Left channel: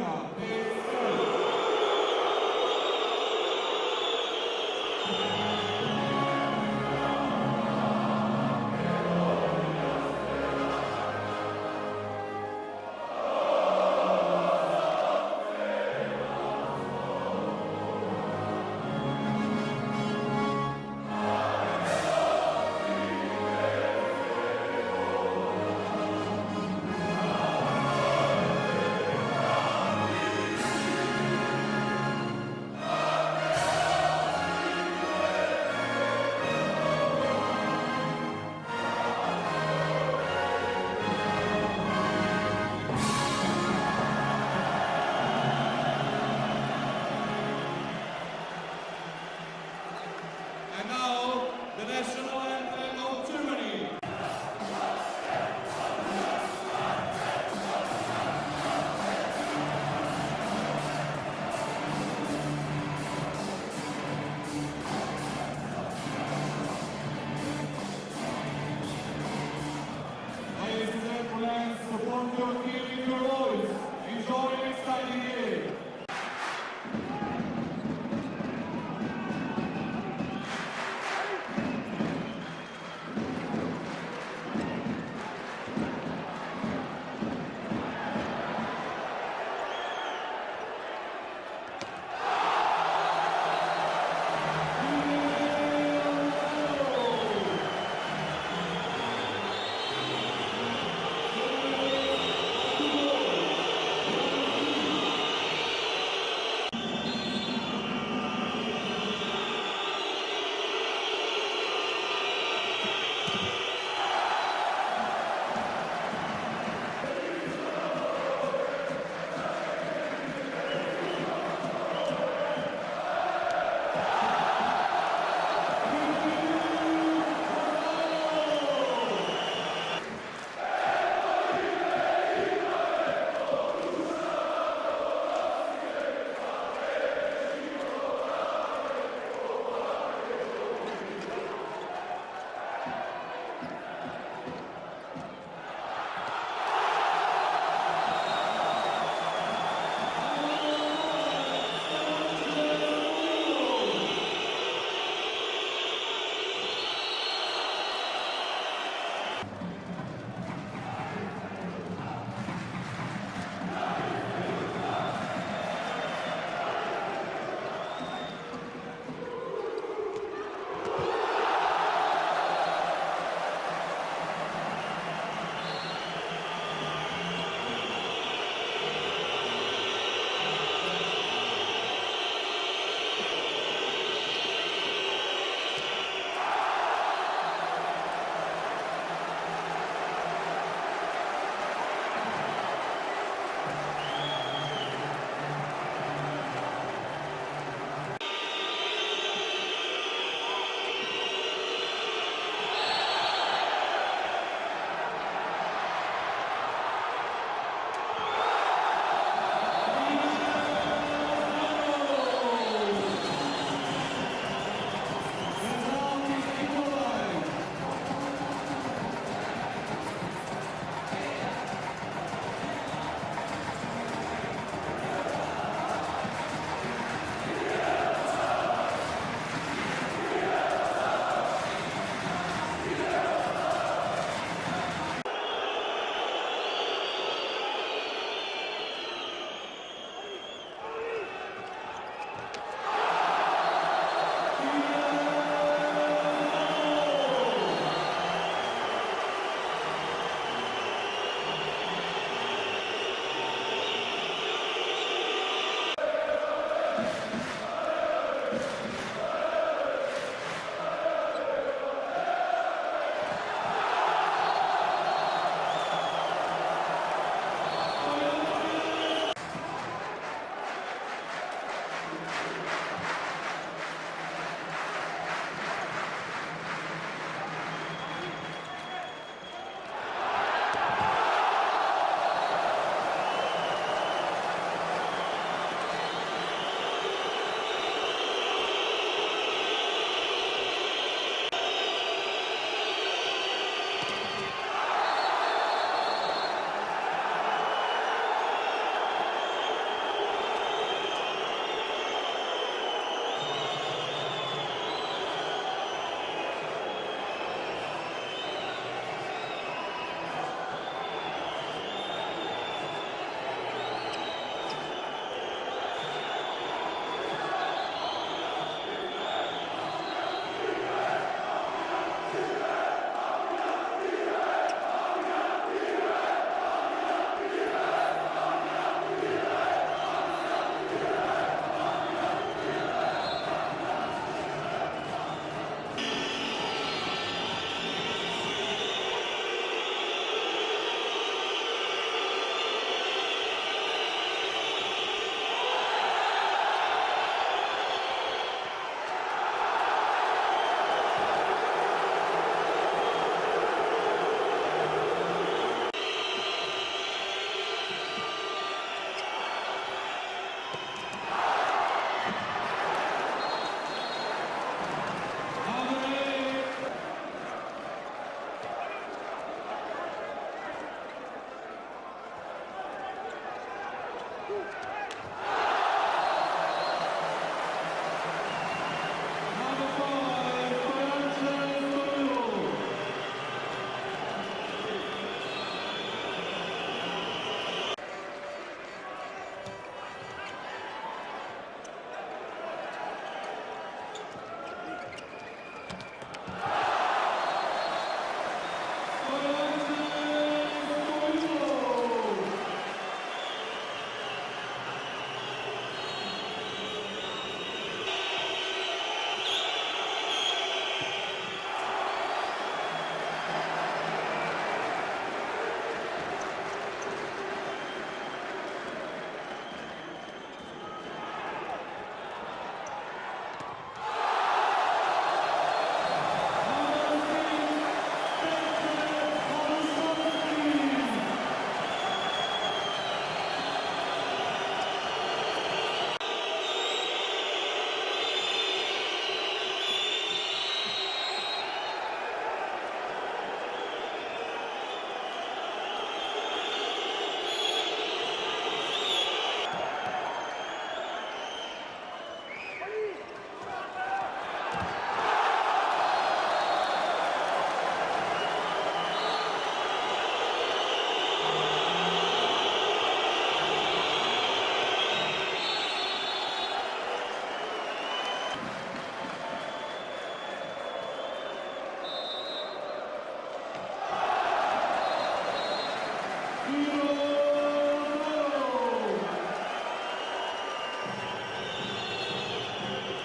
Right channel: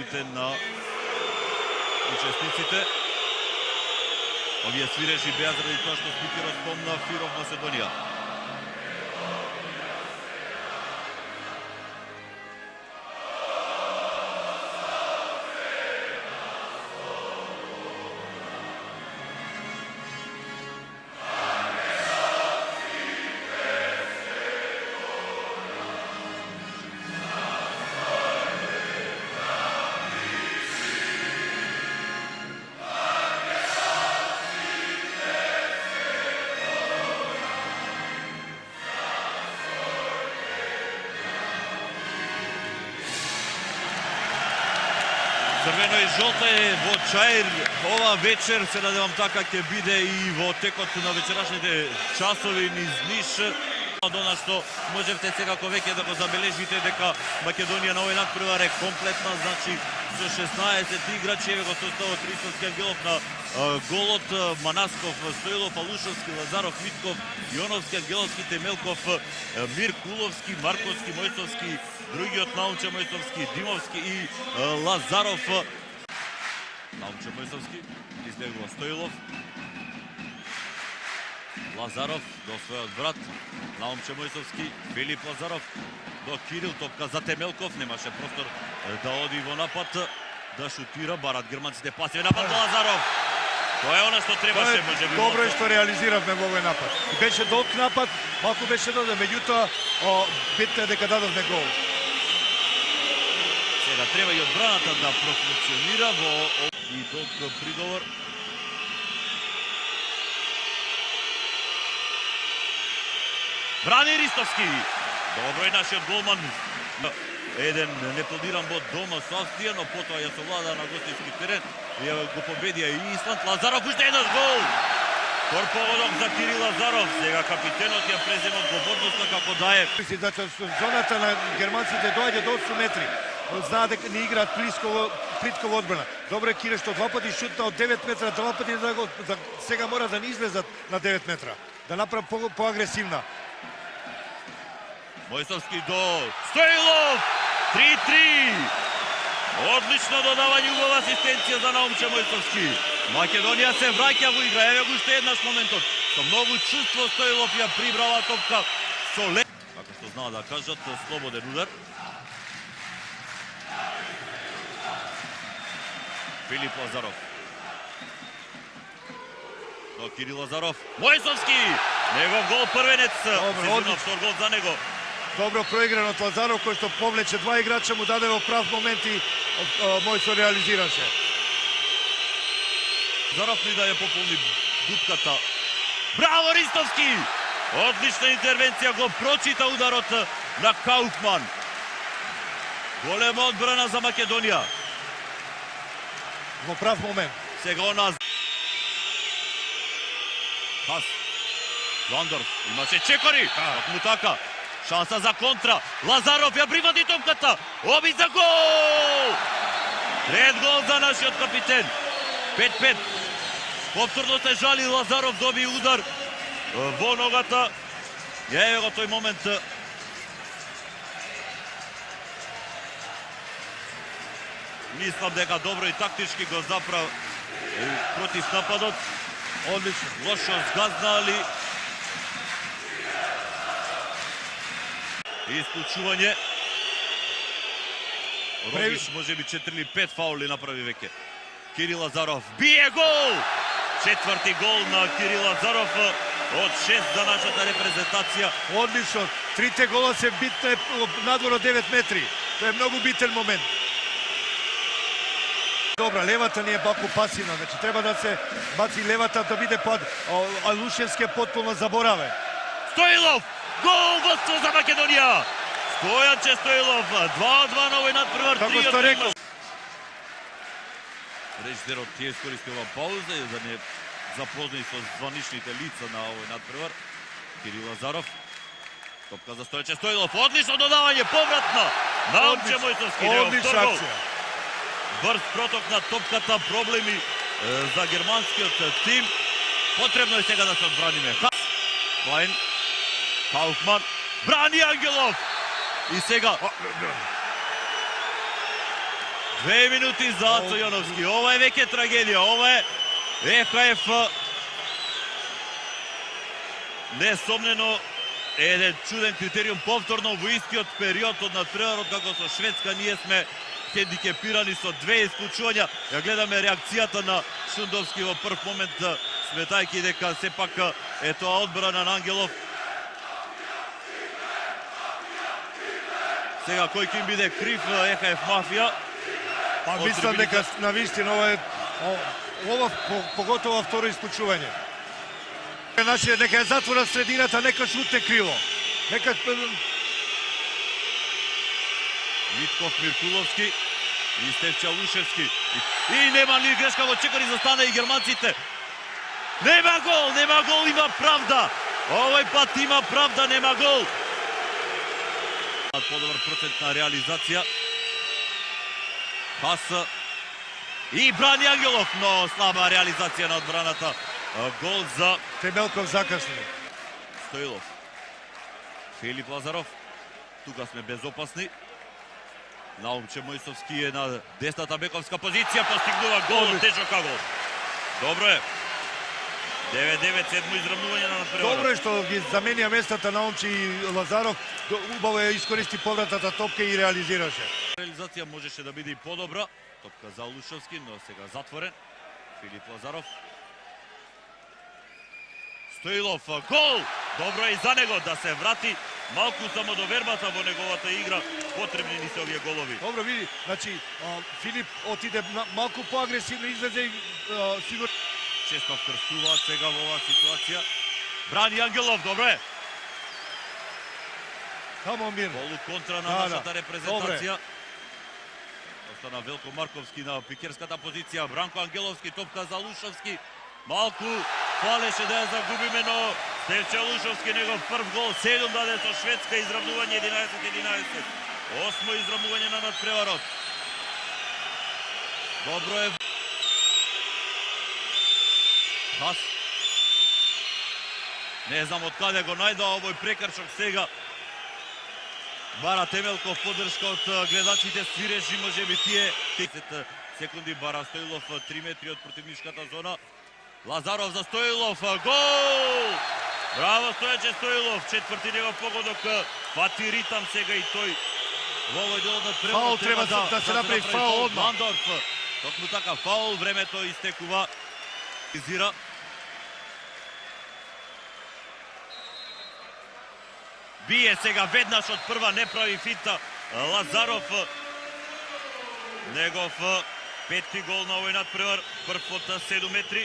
ритмите на учесниците. Овие свирежи беа заради тоа што стопира збор на Фиро Македонија. Црвено и жолто е во Чаир ова вечер, се надевам така ќе биде и во текот на вечерашните часови низ Ниш. Она што можете секако веќе да го забележите дека Македонија на овој надпревар е комплетна, значи со 16 играчи, ево го тој ставот Ритовскиот Билов на голот, Манасков, Стоилов, Алушевски, Лазаров, Питков, Јоновски, Геловски, Темелков, Мир Куловски, Марковски, Мојсовски, другиот Наумче Мојсовски, Димовски и Лазаров. Наумче Мојсовски, изтегува Стоилов. Лазаров до својот брат. Наумче Мојсовски, Филип Лазаров до Кирил, топка за Темелков, немаше простор да оди во напад, да шутира, барат германците, пасија напад на Лазаров. Тоа е она што требаше, може би. Добро е што реализиравме во овој напад. Беше долг напад, малку беше доде, меѓутоа битно е дека дадовме гол. Сега треба и одбраната да профункционира во овој приговор. Брани Ристовски. Добро е нашиот голман. Еден непланиран бод дома со Австрија, но потоа ја совлада на гостински терен. Ја го победија и Исланд. Лазаров уште еден гол. Корповодок за Кирил Лазаров. Сега капитенот ја презема одговорноста како дае. Значи, зоната на германците доаѓа до 8 метри. Знаа дека не играат плитко во одбрана. Добро е Кире што два пати шутна од 9 метра, два пати сега мора да не излезат на 9 метра. Да направи поагресивна. Мојсовски до Стоилов! 3-3! Одлично додавање, убава асистенција за Наумче Мојсовски. Македонија се враќа во игра, еве го уште еднаш моментот. Со многу чувство Стоилов ја прибрала топка со леп. Како знаа да кажат, слободен удар. Филип Лазаров. До Кирил Лазаров. Мојсовски! Негов гол првенец. Сезонов втор гол за него. Добро проигран од Лазаров, кој што повлече два играча, му даде во прав момент и Мојсо реализираше. Лазаров ли да ја пополни бутката. Браво Ристовски! Одлична интервенција, го прочита ударот на Кауфман. Голема одбрана за Македонија. Во прав момент. Сега у нас. Хас. Ландорф. Имаше чекори. Му така. Шанса за контра. Лазаров ја приводи топката. Оби за гол! Ред гол за нашиот капитен. 5-5. Повторно се жали, Лазаров доби удар во ногата. Ја е го тој момент. Мислам дека добро и тактички го заправ против нападот. Одлично дошол згазна, али исполчување. Може би 4 или 5 фаули направи веќе. Кирил Лазаров бие гол! Четврти гол на Кирил Лазаров од 6 за нашата репрезентација. Одлично. Трите гола се битне надвор од 9 метри. Тоа е многу битен момент. Добра, левата не е баку пасивна, значи треба да се баци левата да биде пад. Алушевски е потполно заборавен. Стоилов! Гол водство за Македонија! Стојаче Стоилов, 2-2 на овој надпревар. Како сте рекол. Режисерот ти искористува пауза и да не запознаи со званичните лица на овој надпревар. Кирил Лазаров. Топка за Стојаче Стоилов. Одлично додавање, повратно. Наумче Мојсовски. Одлична акција. Брз проток на топката, проблеми за германскиот тим. Потребно е сега да се одбраниме. Клайн, Кауфман, брани Ангелов. И сега 2 минути за Ацо Јановски. Ова е веќе трагедија. Ова е ЕХФ. Несомнено еден чуден критериум повторно во истиот период од надпреварот како со Шведска ние сме хендикепирани со 2 исклучувања. Ја гледаме реакцијата на Шундовски во прв момент, сметајќи дека сепак е тоа одбрана на Ангелов. Сега кој ќе им биде крив ЕХФ мафија? Мислам дека на вистина ова поготово второ исклучување. Значи, нека е затвора средината, нека шутне криво. Нека... Митков, Миркуловски и Стеф Чалушевски. И нема ни грешка во чекари за стана и германците. Нема гол, има правда. Овој пат има правда, нема гол. Подобар процент на реализација. Пас и брани Ангелов, но слаба реализација на одбраната. Гол за Темелков закасни. Стоилов. Филип Лазаров. Тука сме безопасни. Наумче Мојсовски е на десната бековска позиција, постигнува гол, тежок гол. Добро е. 9-9, сетно изравнување на надпреварот. Добро е што ги заменија местата Наумче и Лазаров. Убаво е искористи повратата топка и реализираше. Реализација можеше да биде и подобра. За Лушевски, но сега затворен. Филип Лазаров. Стоилов, гол! Добро е и за него да се врати малку само до вербата во неговата игра. Потребни ни се овие голови. Добро види, значи Филип отиде малку поагресивно, излезе и сигурно. Често простува сега во оваа ситуација. Брани Ангелов, добре. Само мир. Контра на нашата репрезентација. На Велко Марковски на пикерската позиција. Бранко Ангеловски, топка за Лушевски. Малку фалеше да ја загубиме, но Стефче Лушевски негов прв гол. 7 даде за Шведска, изравнување 11-11. Осно изравнување на надпреварот. Добро е. Пас. Не знам од каде го најдоа овој прекрчок сега. Бара Темелков, поддршка од гледачите, свирежи, може би тие 10 секунди. Бара Стоилов 3 метри од противничката зона. Лазаров за Стоилов, гол! Браво Стојаче Стоилов, четврти негов погодок, фати ритам сега и тој. Фаул треба да се направи, фаул одмah. Мандорф, така фаул, времето истекува. Изира. Бие сега веднаш од прва, не прави финта. Лазаров, негов пети гол на овој надпревар, прв од 7 метри.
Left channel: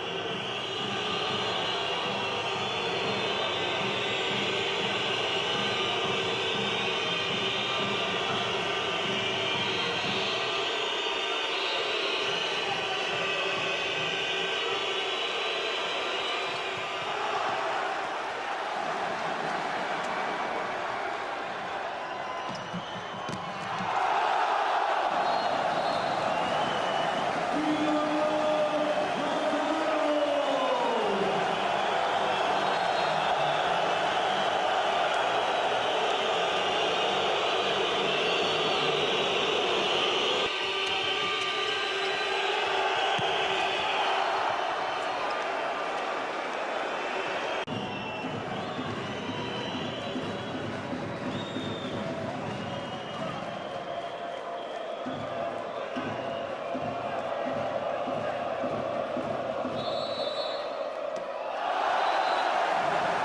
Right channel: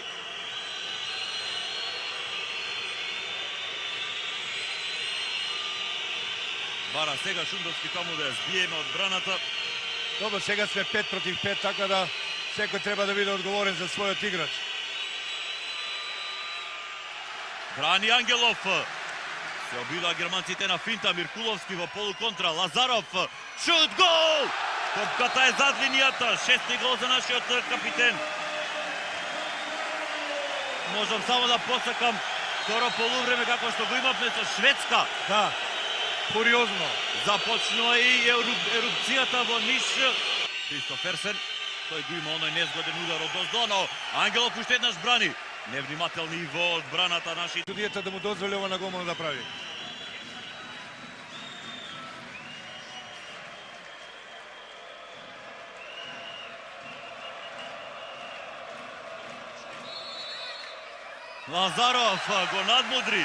Бара сега Шундовски како да спие браната. Добро, сега сме 5 против 5, така да секој треба да биде одговорен за својот играч. Брани Ангелов. Била германците на финта, Миркуловски во полуконтра, Лазаров, шут, гол! Топката е зад линијата, шести гол за нашиот капитен. Можам само да подсекам второ полувреме како што го имавме со Шведска. Да, куриозно. Започнува и ерупцијата во Ниш. 300%, тој го има оној незгоден удар во гол, но Ангелов уште еднаш брани. Невнимателни во одбраната наши. Судијата да му дозволи ова на гол да прави. Лазаров го надмудри.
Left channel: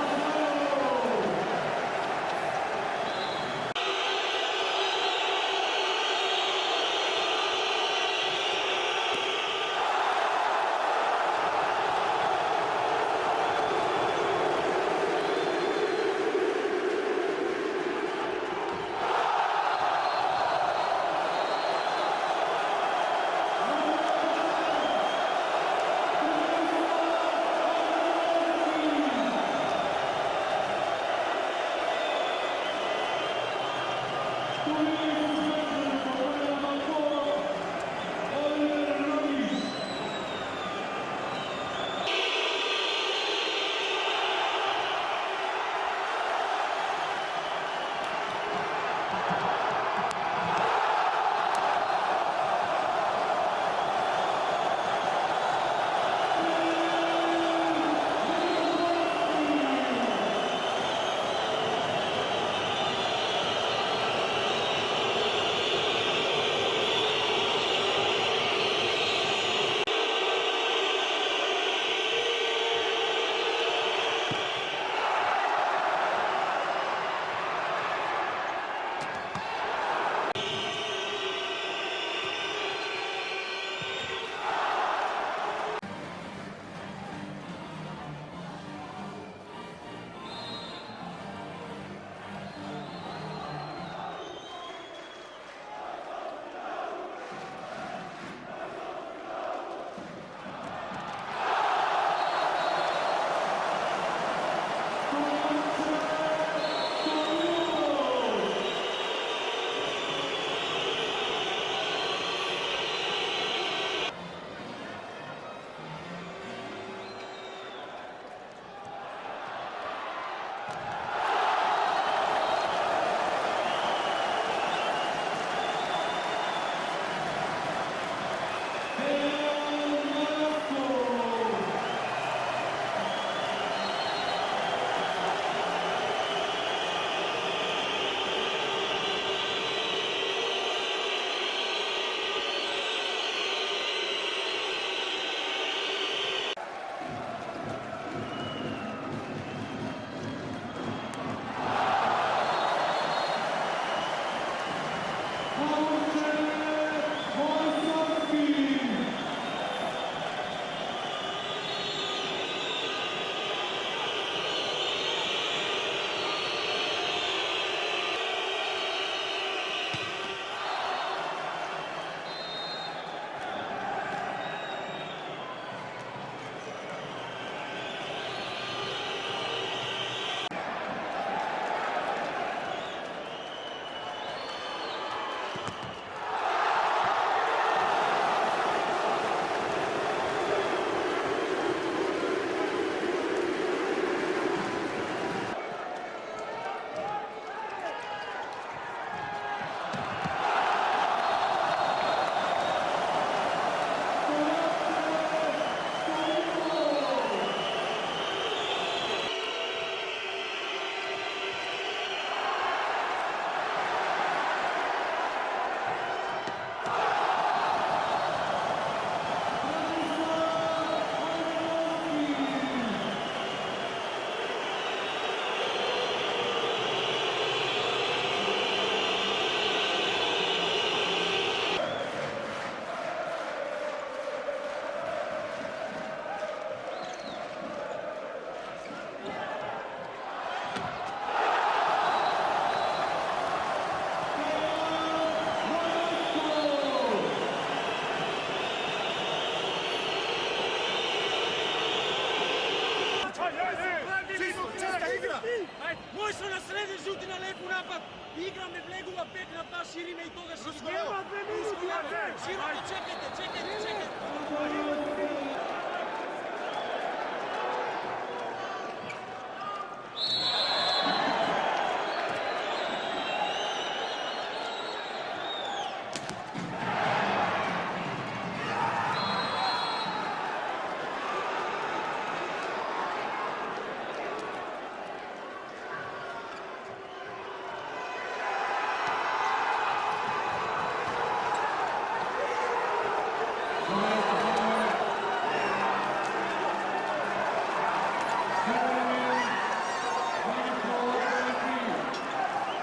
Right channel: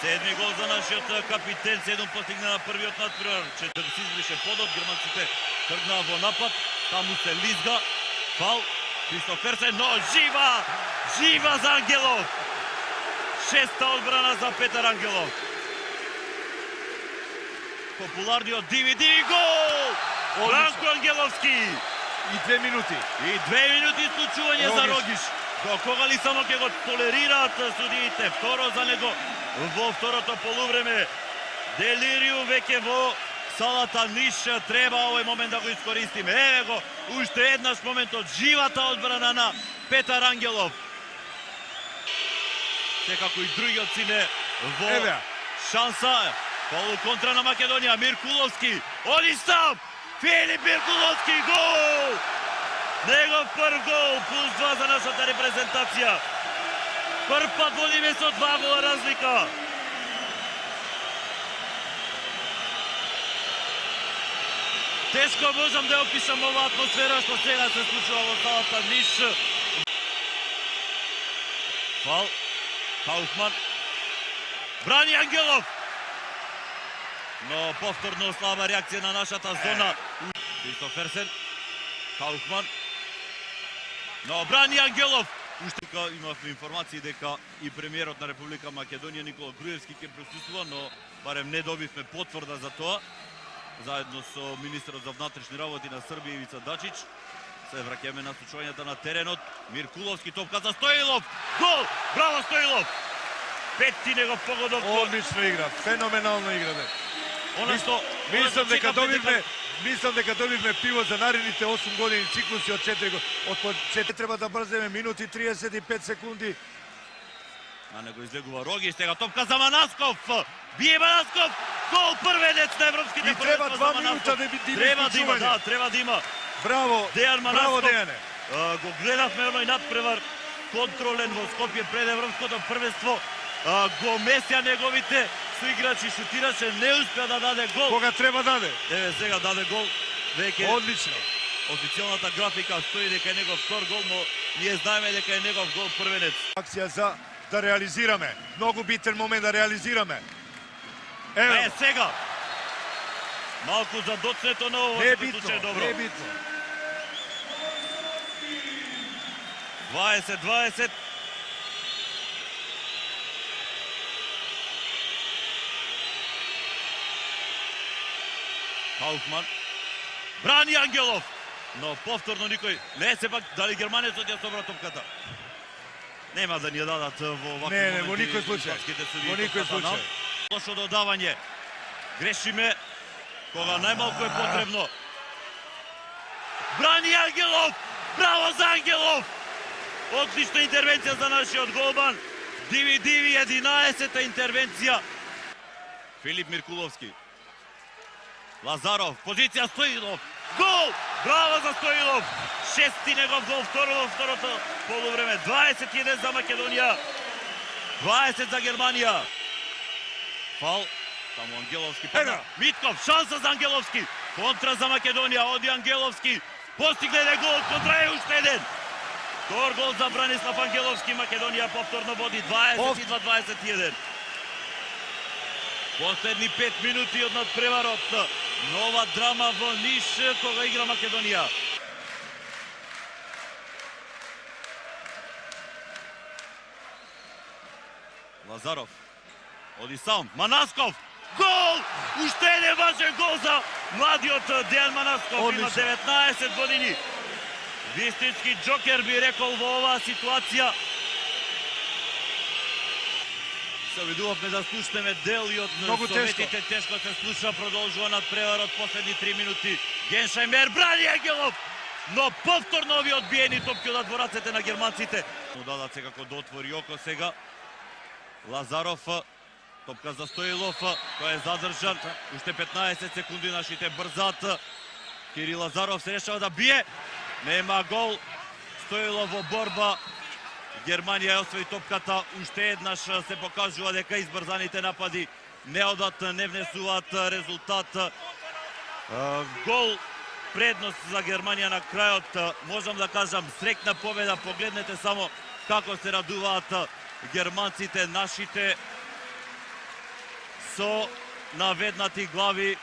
Седми гол за нашиот капитен, 7 постигна на првиот надпревар. 40 беше подот, германците тргнаа во напад, таму се лизга, фал, Кристоферсен, но жива за Ангелов. Шеста одбрана за Петар Ангелов. Популарниот DVD гол! Бранко Ангеловски! И 2 минути. И 2 минути исклучување за Рогиш. До кога ли само ќе го толерираат судиите? Второ за него во второто полувреме. Делириум веќе во салата Ниш. Треба овој момент да го искористиме. Еве го, уште еднаш моментот. Живата одбрана на Петар Ангелов. Секако и другиот сине во шанса. Полуконтра на Македонија. Миркуловски. Одистав! Филип Миркуловски, гол! Негов прв гол, плюс 2 за нашата репрезентација. Прв пат водиме со 2 гола разлика. Тешко можам да опишам оваа атмосфера што сега се случува во залата Ниш. Кауфман. Брани Ангелов. Но повторно слаба реакција на нашата зона. Кристоферсен. Кауфман. Но брани Ангелов. Уште имавме информации дека и премиерот на Република Македонија Никола Груевски ќе присуства, но барем не добивме потврда за тоа. Заедно со министерот за внатрешни работи на Србија Ивица Дачич. Се враќаме на случувањата на теренот. Миркуловски топка за Стоилов. Гол! Браво Стоилов! Пети негов погодок. Одлична игра, феноменална игра. Мислам дека добивме пиво за наредните 8 години циклуси од 4 години. Треба да брземе минути 35 секунди. На него излегува Рогиш, сега топка за Манасков. Бие Манасков. Гол првенец на европските. И треба 2 минута да би Треба да има. Браво, Дејан браво Манасков. Дејане. Го гледавме оној надпревар контролен во Скопје пред европското првенство. Го месја неговите соиграчи, шутираше, не успеа да даде гол. Кога треба даде? Еве сега даде гол. Веќе Одлично. официјалната графика стои дека е негов втор гол, но ние знаеме дека е негов гол првенец. Акција за да реализираме. Многу битен момент да реализираме. Ево, Сега. Малку за доцнето, но не е битно, не е битно. 20-20. Кауфман. Брани Ангелов. Но повторно никој. Не се пак дали германецот ја собра топката. Нема да ни ја дадат во овакви. Не, во никој случај. Во никој случај. Лошо додавање. Грешиме кога најмалку е потребно. Брани Ангелов. Браво за Ангелов. Отлична интервенција за нашиот голман. Диви 11-та интервенција. Филип Миркуловски. Лазаров, позиција Стоилов. Гол! Браво за Стоилов! Шести негов гол, второто полувреме. 21 за Македонија. 20 за Германија. Фал. Ангеловски. Митков, шанса за Ангеловски. Контра за Македонија, оди Ангеловски. Постигне гол, контра е уште еден. Гол за Бранислав Ангеловски. Македонија повторно води 20 за 21. Последни 5 минути од надпреварот. Нова драма во Ниш кога игра Македонија. Лазаров. Оди сам. Манасков. Гол! Уште еден важен гол за младиот Дејан Манасков. Има 19 години. Вистински джокер би рекол во оваа ситуација. Видувавме да слушнеме делиот на советите, тешко се слуша, продолжува надпреварот последни 3 минути. Геншајмер брани Ангелов, но повторно ови одбиени топки од двораците на германците. Дадат се како да отвори око сега. Лазаров, топка за Стоилов, кој е задржан. Уште 15 секунди нашите брзат. Кирил Лазаров се решава да бие. Нема гол. Стоилов во борба. Германија освои топката, уште еднаш се покажува дека избрзаните напади не одат, не внесуваат резултат. Гол, предност за Германија на крајот, можам да кажам, срекна победа, погледнете само како се радуваат германците, нашите со наведнати глави.